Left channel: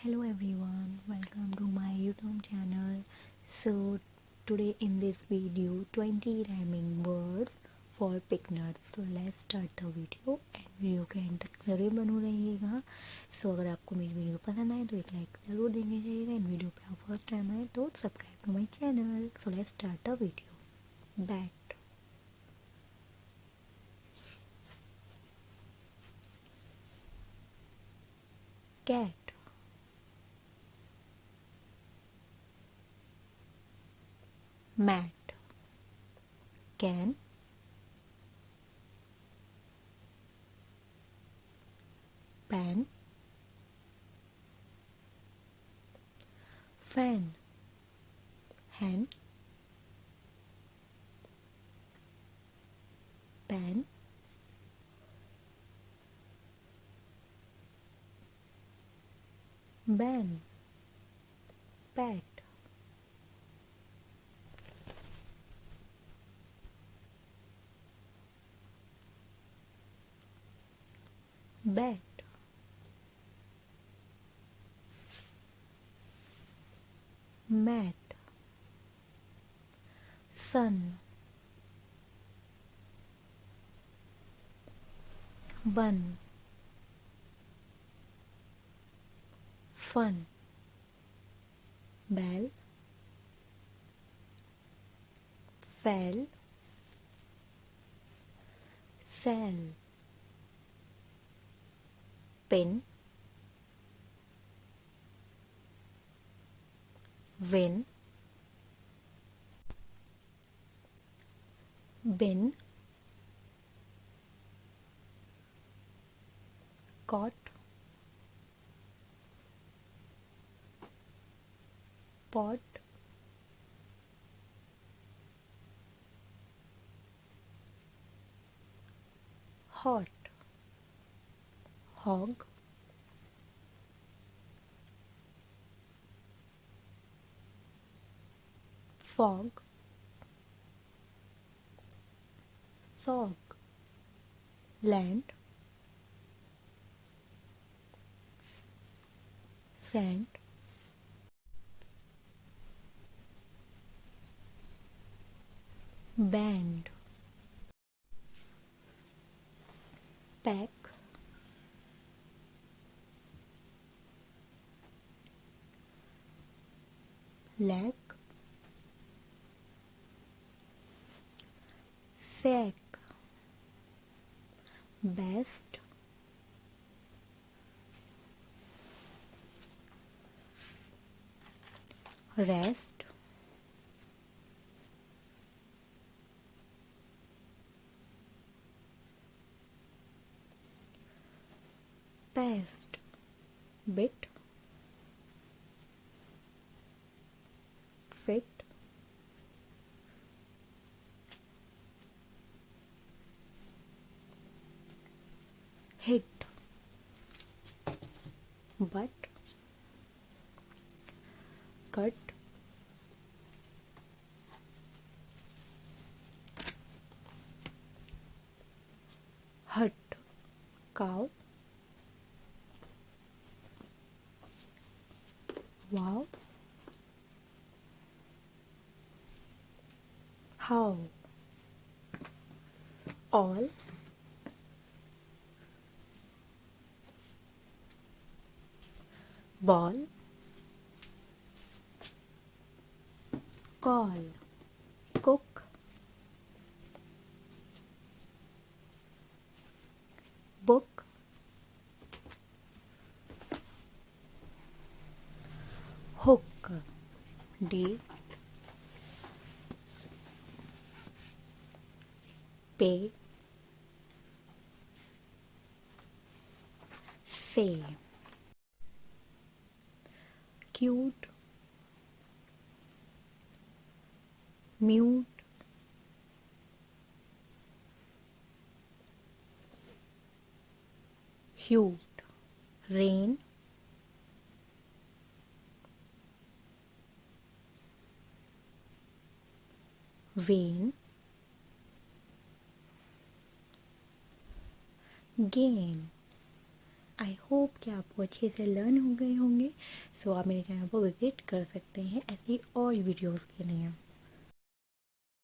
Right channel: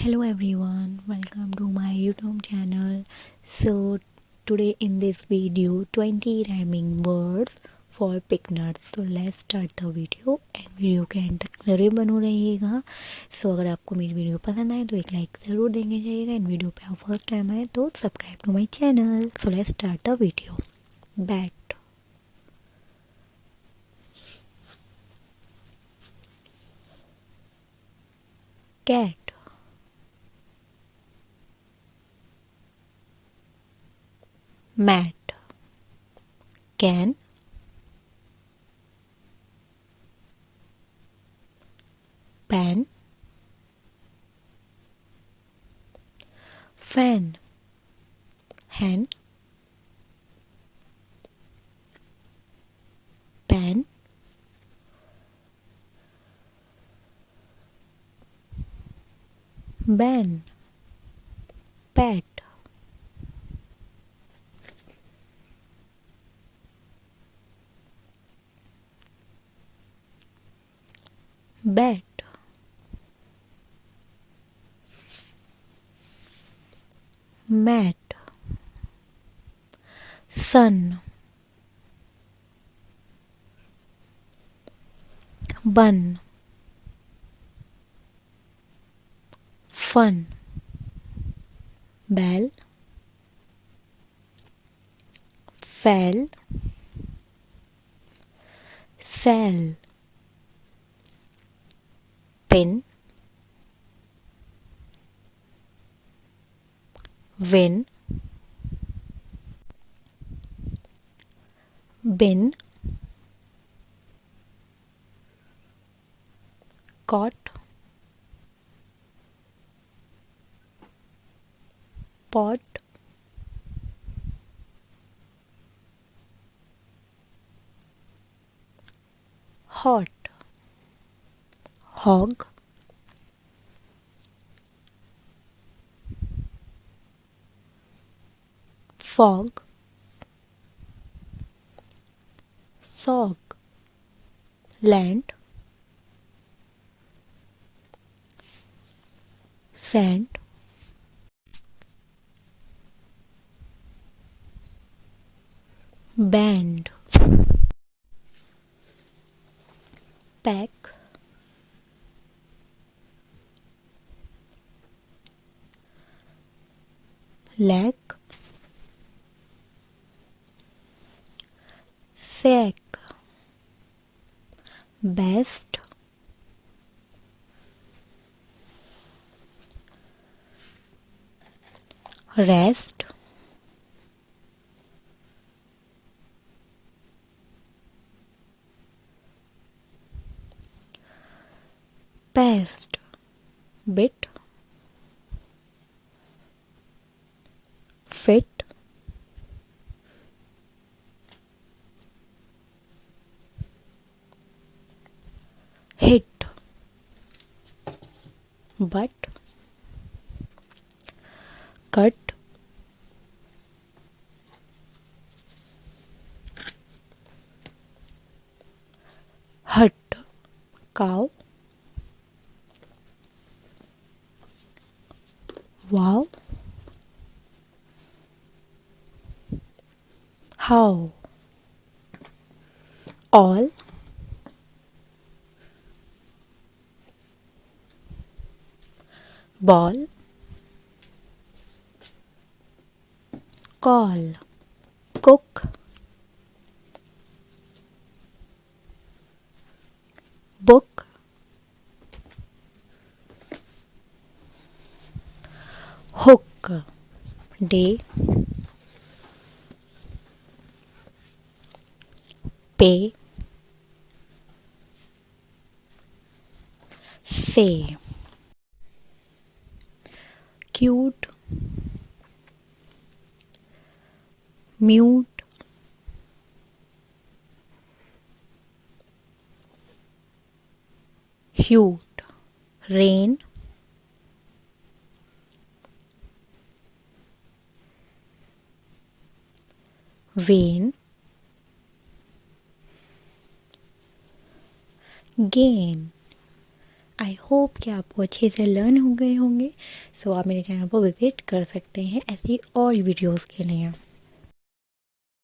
Hello everyone, welcome to my YouTube channel. So today in this video 20 rhyming words for beginners. So let's start the video and video के एंड तक ज़रूर बनो रहिएगा. सो अगर आपको मेरी वीडियो पसंद आए तो एक लाइक ज़रूर देंगे जाइएगा एंड वीडियो पे आप फर्स्ट टाइम आए तो subscribe to my channel. So let's start the video. Bat, cat, mat, can, pan, fan, hen, pan, ban, pat, bat, mat, sun, bun, fun, bell, fell, sell, pin, win, bin, cot, pot, hot, hog, fog, sog, land, sand, band, pack, lack, sack, best, rest, pest, bit, fit, hit, but, cut, hut, cow, wow, how, all, ball, call, cook, book, hook, day, pay, say, cute, mute, haute, rain, when, gain, I hope कि आपको अच्छे से लर्न हो गए होंगे। सो आप मेरे चैनल पर विज़िट कर सकते हैं ऐसी और वीडियोज़ के लिए।